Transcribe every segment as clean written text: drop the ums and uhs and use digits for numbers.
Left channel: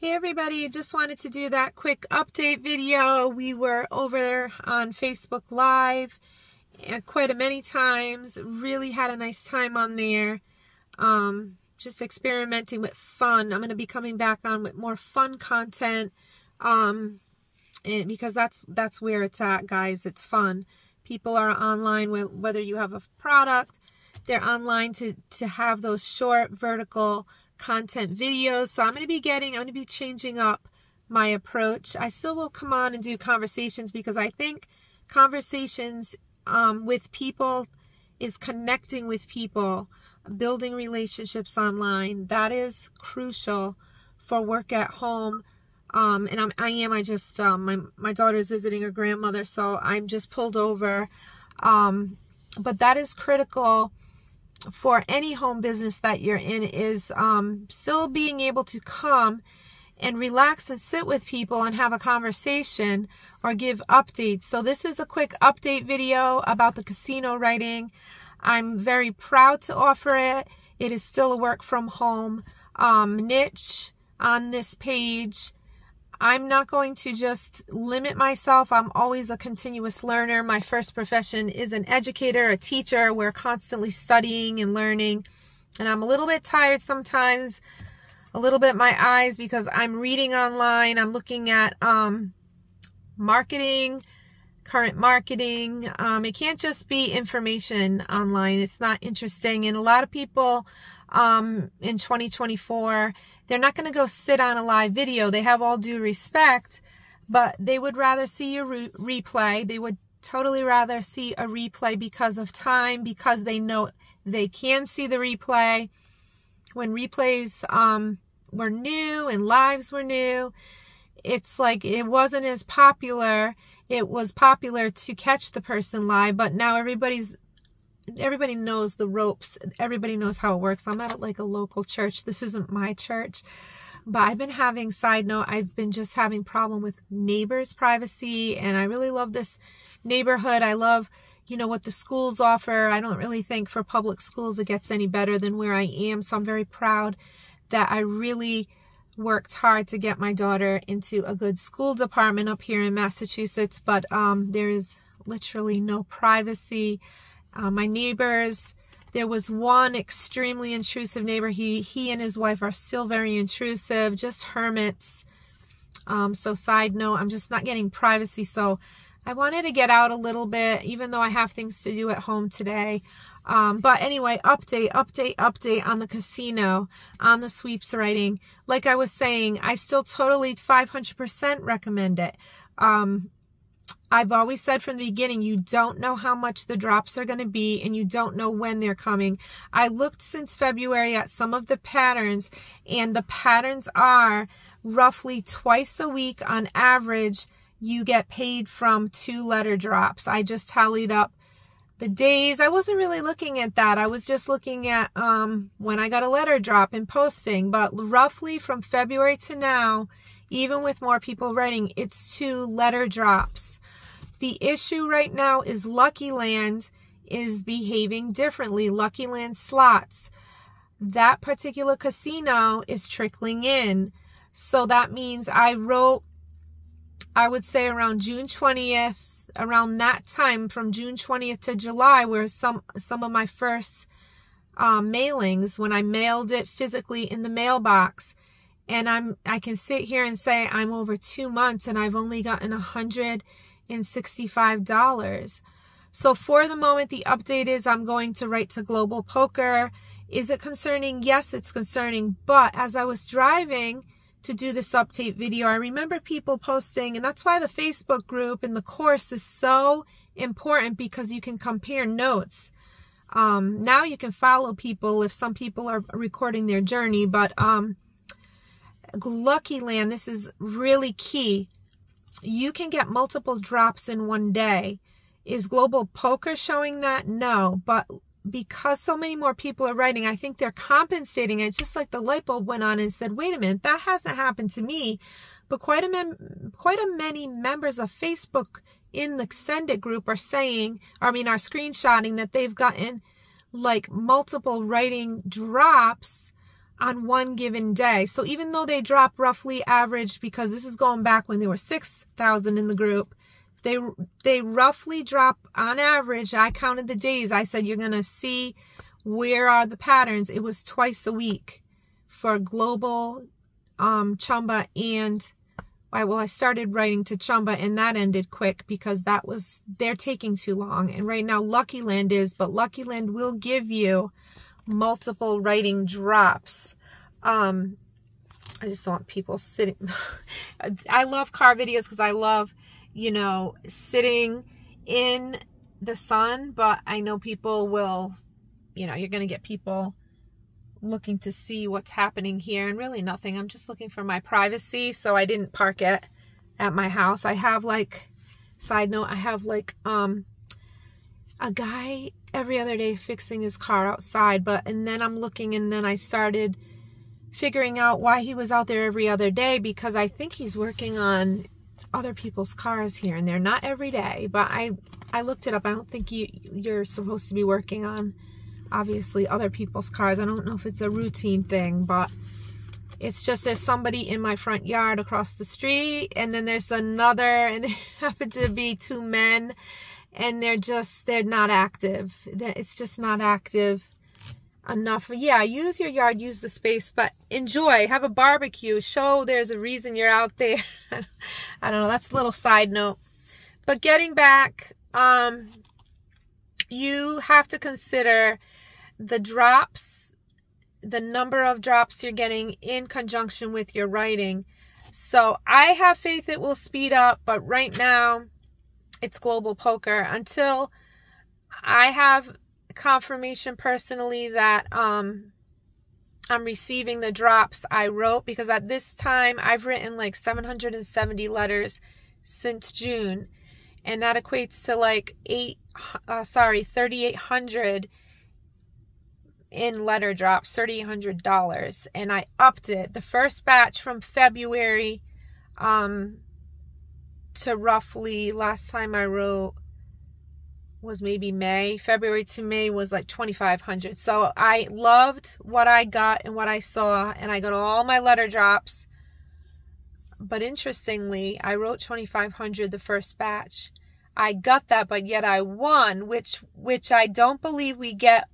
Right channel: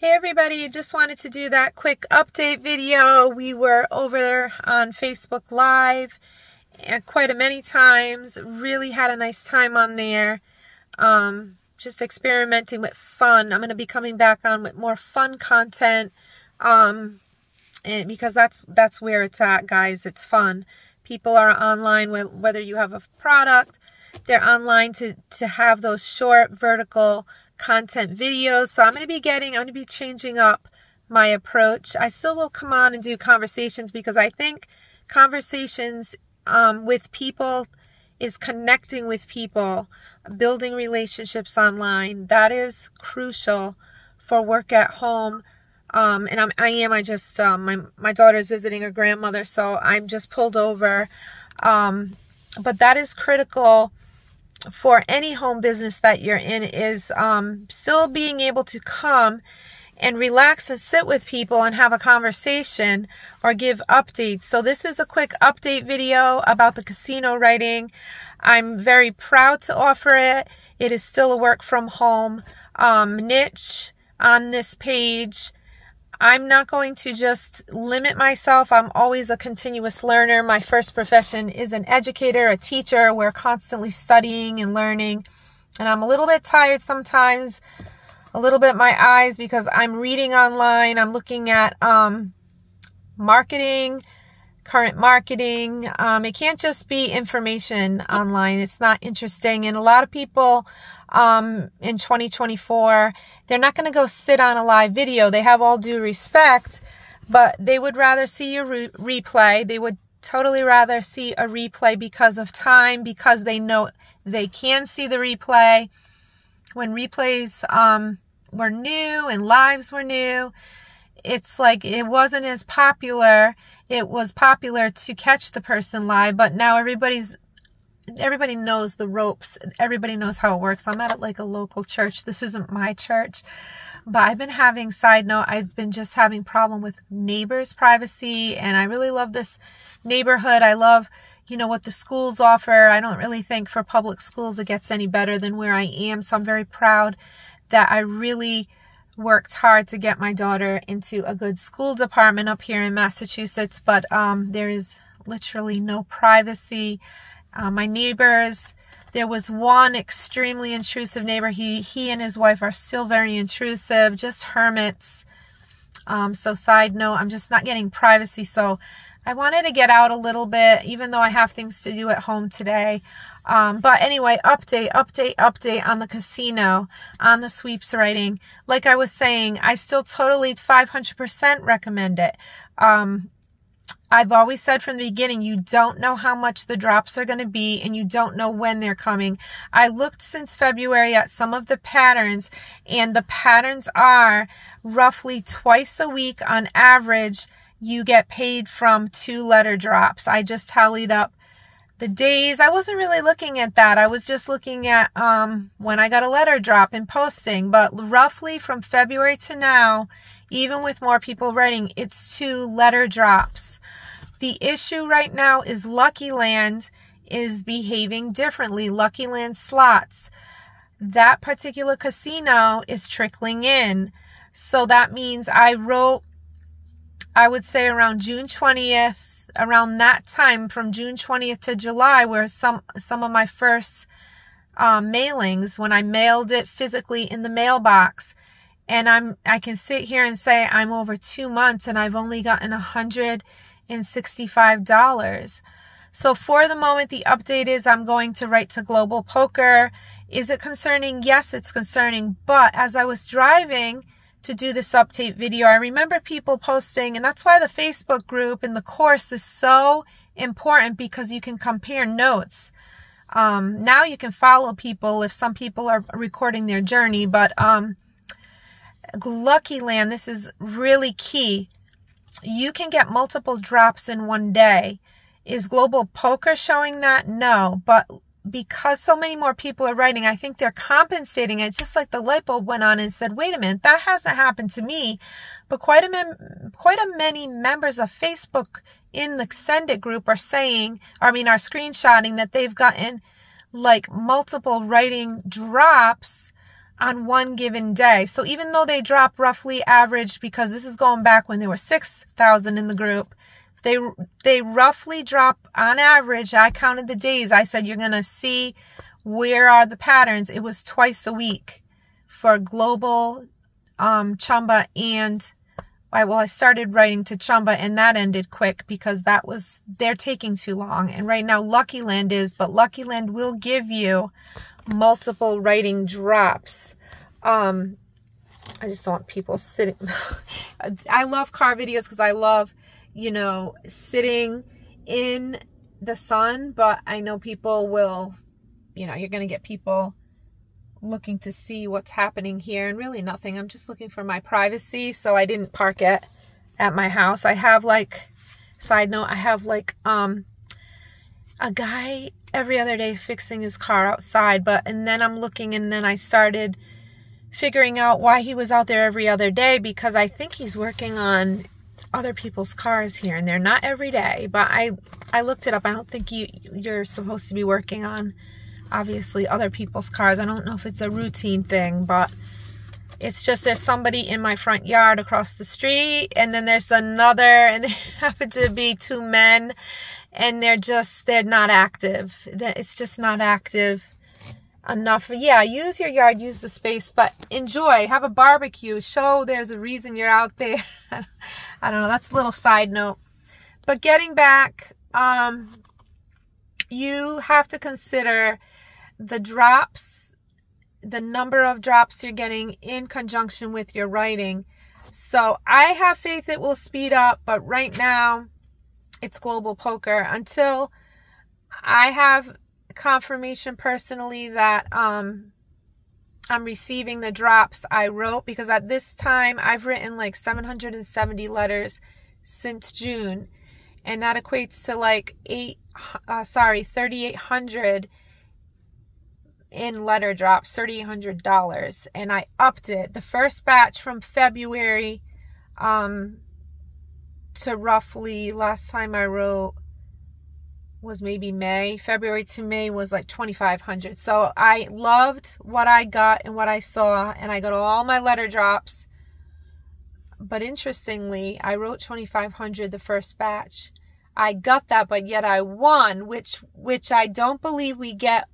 Hey everybody, just wanted to do that quick update video. We were over on Facebook Live and quite a many times. Really had a nice time on there. Just experimenting with fun. I'm going to be coming back on with more fun content. And because that's where it's at, guys. It's fun. People are online whether you have a product, they're online to have those short vertical content videos. So I'm going to be changing up my approach. I still will come on and do conversations because I think conversations with people is connecting with people, building relationships online. That is crucial for work at home. My daughter's visiting her grandmother, so I'm just pulled over. But that is critical for any home business that you're in, is still being able to come and relax and sit with people and have a conversation or give updates. So this is a quick update video about the casino writing. I'm very proud to offer it. It is still a work from home niche on this page. I'm not going to just limit myself. I'm always a continuous learner. My first profession is an educator, a teacher. We're constantly studying and learning. And I'm a little bit tired sometimes, a little bit my eyes, because I'm reading online. I'm looking at marketing, current marketing. It can't just be information online. It's not interesting. And a lot of people in 2024, they're not going to go sit on a live video. They have all due respect, but they would rather see a replay. They would totally rather see a replay because of time, because they know they can see the replay. When replays were new and lives were new, it's like it wasn't as popular. It was popular to catch the person live, but now everybody knows the ropes. Everybody knows how it works. I'm at like a local church. This isn't my church, but I've been having, side note, I've been just having problem with neighbors' privacy, and I really love this neighborhood. I love, what the schools offer. I don't really think for public schools it gets any better than where I am, so I'm very proud that I really worked hard to get my daughter into a good school department up here in Massachusetts, but there is literally no privacy. My neighbors, there was one extremely intrusive neighbor. He and his wife are still very intrusive, just hermits. So side note, I'm just not getting privacy. So I wanted to get out a little bit, even though I have things to do at home today. But anyway, update on the casino, on the Sweepswriting. Like I was saying, I still totally 500% recommend it. I've always said from the beginning, you don't know how much the drops are going to be, and you don't know when they're coming. I looked since February at some of the patterns, and the patterns are roughly twice a week on average. You get paid from 2 letter drops. I just tallied up the days. I wasn't really looking at that. I was just looking at when I got a letter drop and posting. But roughly from February to now, even with more people writing, it's 2 letter drops. The issue right now is Lucky Land is behaving differently. Lucky Land slots, that particular casino is trickling in. So that means I wrote, I would say around June 20th, around that time, from June 20th to July, were some of my first mailings, when I mailed it physically in the mailbox. And I can sit here and say I'm over 2 months and I've only gotten $165. So for the moment, the update is I'm going to write to Global Poker. Is it concerning? Yes, it's concerning. But as I was driving to do this update video, I remember people posting, and that's why the Facebook group and the course is so important, because you can compare notes. Now you can follow people if some people are recording their journey, but Lucky Land, this is really key. You can get multiple drops in one day. Is Global Poker showing that? No, but because so many more people are writing, I think they're compensating. It's just like the light bulb went on and said, wait a minute, that hasn't happened to me. But quite a many members of Facebook in the Send It group are screenshotting that they've gotten like multiple writing drops on one given day. So even though they drop roughly average, because this is going back when there were 6,000 in the group, they roughly drop on average. I counted the days. I said, you're going to see where are the patterns. It was twice a week for global Chumba and I started writing to Chumba, and that ended quick because they're taking too long. And right now Lucky Land is, but Lucky Land will give you multiple writing drops. I just don't want people sitting. I love car videos because I love, sitting in the sun, but I know people will, you're going to get people looking to see what's happening here, and really nothing. I'm just looking for my privacy, so I didn't park it at my house. I have side note, I have a guy every other day fixing his car outside, and then I'm looking, and then I started figuring out why he was out there every other day, because I think he's working on other people's cars here, and they're not every day, but I looked it up. I don't think you're supposed to be working on, obviously, other people's cars. I don't know if it's a routine thing, but it's just there's somebody in my front yard across the street, and then there's another, and they happen to be two men, and they're not active. It's just not active enough. Yeah, use your yard, use the space, but enjoy, have a barbecue, show there's a reason you're out there. I don't know, that's a little side note. But getting back, you have to consider the drops, the number of drops you're getting in conjunction with your writing. So I have faith it will speed up, but right now it's global poker until I have confirmation personally that I'm receiving the drops I wrote, because at this time I've written 770 letters since June, and that equates to 3,800 in letter drops, $3,800, and I upped it. The first batch from February to roughly, last time I wrote was maybe May. February to May was 2,500. So I loved what I got and what I saw, and I got all my letter drops. But interestingly, I wrote 2,500 the first batch. I got that, but yet I won, which I don't believe we get.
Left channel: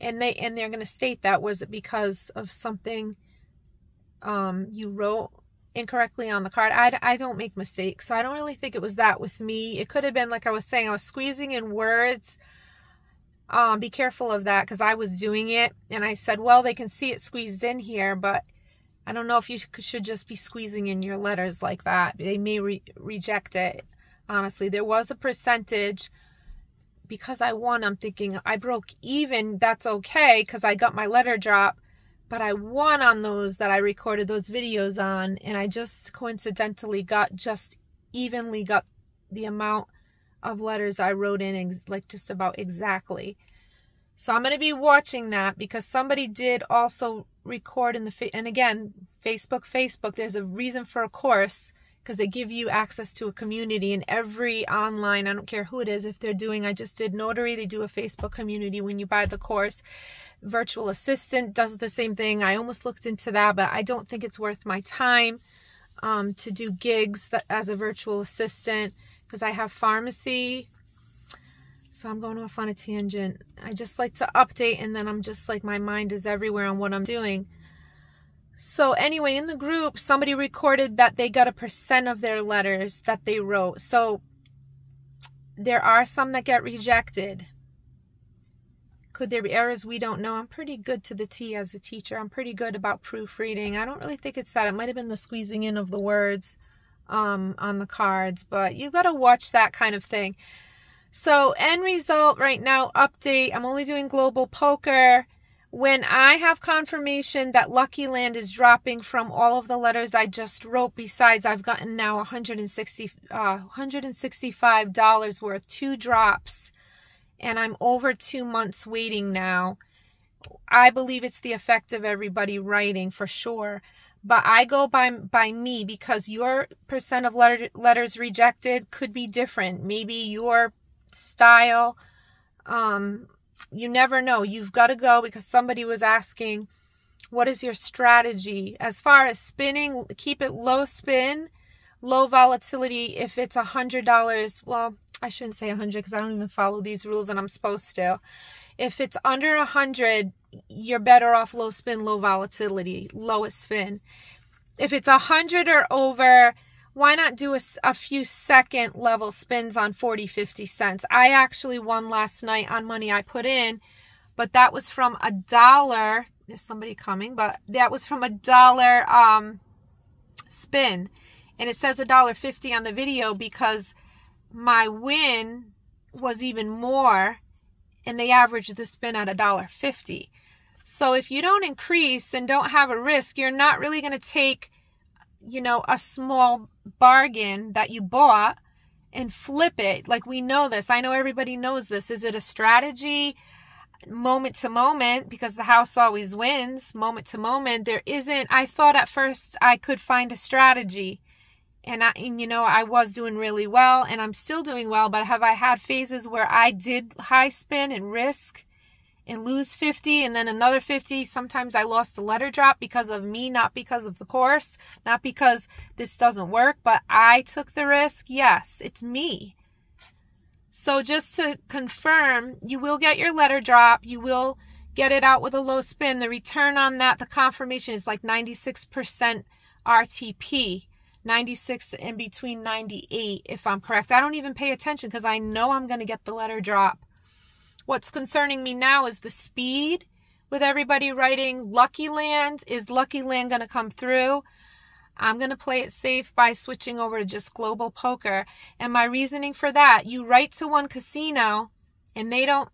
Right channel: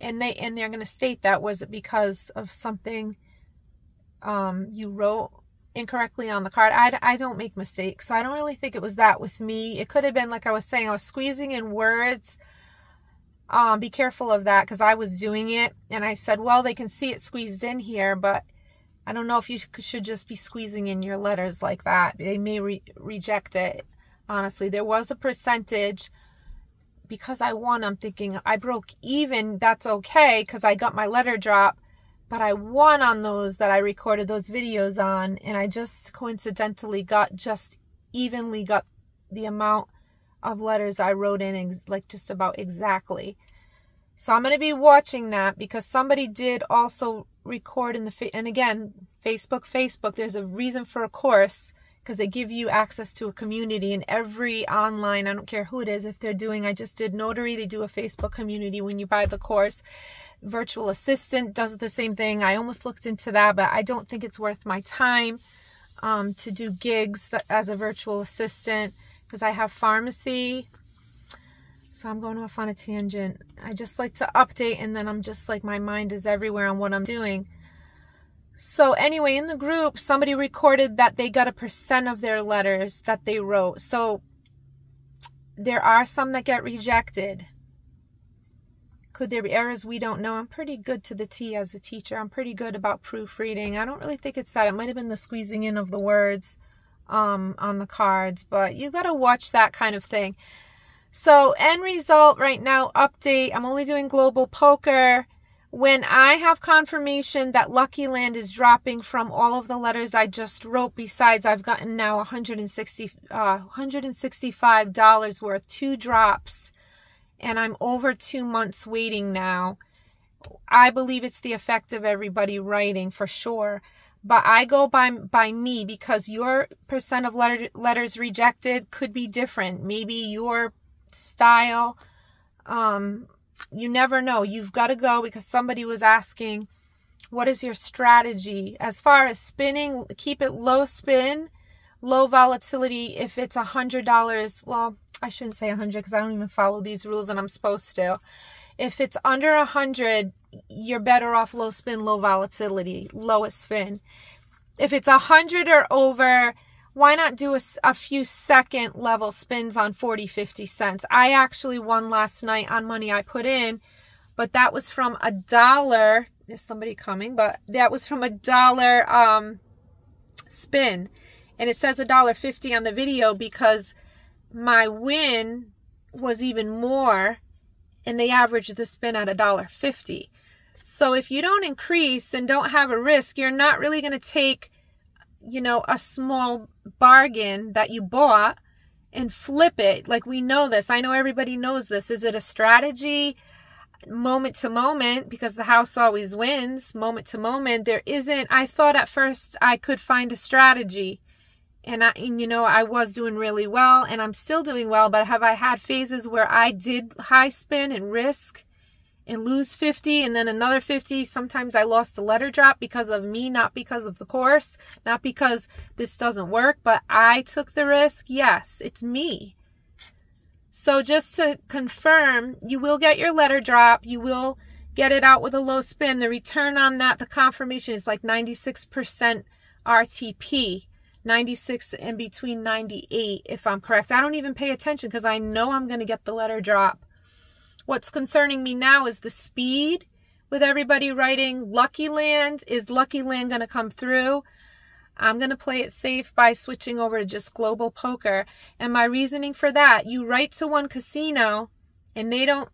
And they're going to state that was it because of something you wrote incorrectly on the card. I don't make mistakes, so I don't really think it was that with me. It could have been, like I was saying, I was squeezing in words. Be careful of that, because I was doing it, and I said, well, they can see it squeezed in here, but I don't know if you should just be squeezing in your letters like that. They may reject it. Honestly, there was a percentage. Because I won, I'm thinking I broke even. That's okay, because I got my letter drop, but I won on those that I recorded those videos on, and I just coincidentally evenly got the amount of letters I wrote in, just about exactly. So I'm going to be watching that, because somebody did also record in and again, Facebook, there's a reason for a course, because they give you access to a community, and every online, I don't care who it is, if they're doing, I just did notary, they do a Facebook community when you buy the course. Virtual assistant does the same thing. I almost looked into that, but I don't think it's worth my time to do gigs as a virtual assistant, because I have pharmacy. So I'm going off on a tangent. I just like to update, and then I'm just my mind is everywhere on what I'm doing. So anyway, in the group, somebody recorded that they got 1% of their letters that they wrote. So there are some that get rejected. Could there be errors? We don't know. I'm pretty good to the T as a teacher. I'm pretty good about proofreading. I don't really think it's that. It might have been the squeezing in of the words on the cards, but you've got to watch that kind of thing. So end result right now, update. I'm only doing global poker. When I have confirmation that Lucky Land is dropping from all of the letters I just wrote, besides I've gotten now $165 worth, 2 drops, and I'm over 2 months waiting now. I believe it's the effect of everybody writing for sure, but I go by me, because your percent of letters rejected could be different. Maybe your style, you never know. You've got to go, because somebody was asking What is your strategy? As far as spinning, keep it low spin, low volatility. If it's $100, well, I shouldn't say 100 because I don't even follow these rules and I'm supposed to. If it's under 100, you're better off low spin, low volatility, lowest spin. If it's 100 or over, why not do a few second level spins on 40, 50 cents? I actually won last night on money I put in, but that was from $1. There's somebody coming, but that was from $1 spin. And it says $1.50 on the video because my win was even more, and they averaged the spin at $1.50. So if you don't increase and don't have a risk, you're not really going to take, you know, a small bargain that you bought and flip it. Like, we know this. I know everybody knows this. Is it a strategy? Moment to moment, because the house always wins. Moment to moment. There isn't. I thought at first I could find a strategy. And you know, I was doing really well, and I'm still doing well, but have I had phases where I did high spin and risk and lose 50 and then another 50? Sometimes I lost the letter drop because of me, not because of the course, not because this doesn't work, but I took the risk. Yes, it's me. So just to confirm, you will get your letter drop. You will get it out with a low spin. The return on that, the confirmation is like 96% RTP. 96 and between 98, if I'm correct. I don't even pay attention because I know I'm going to get the letter drop. What's concerning me now is the speed with everybody writing Lucky Land. Is Lucky Land going to come through? I'm going to play it safe by switching over to just global poker. And my reasoning for that, you write to one casino and they don't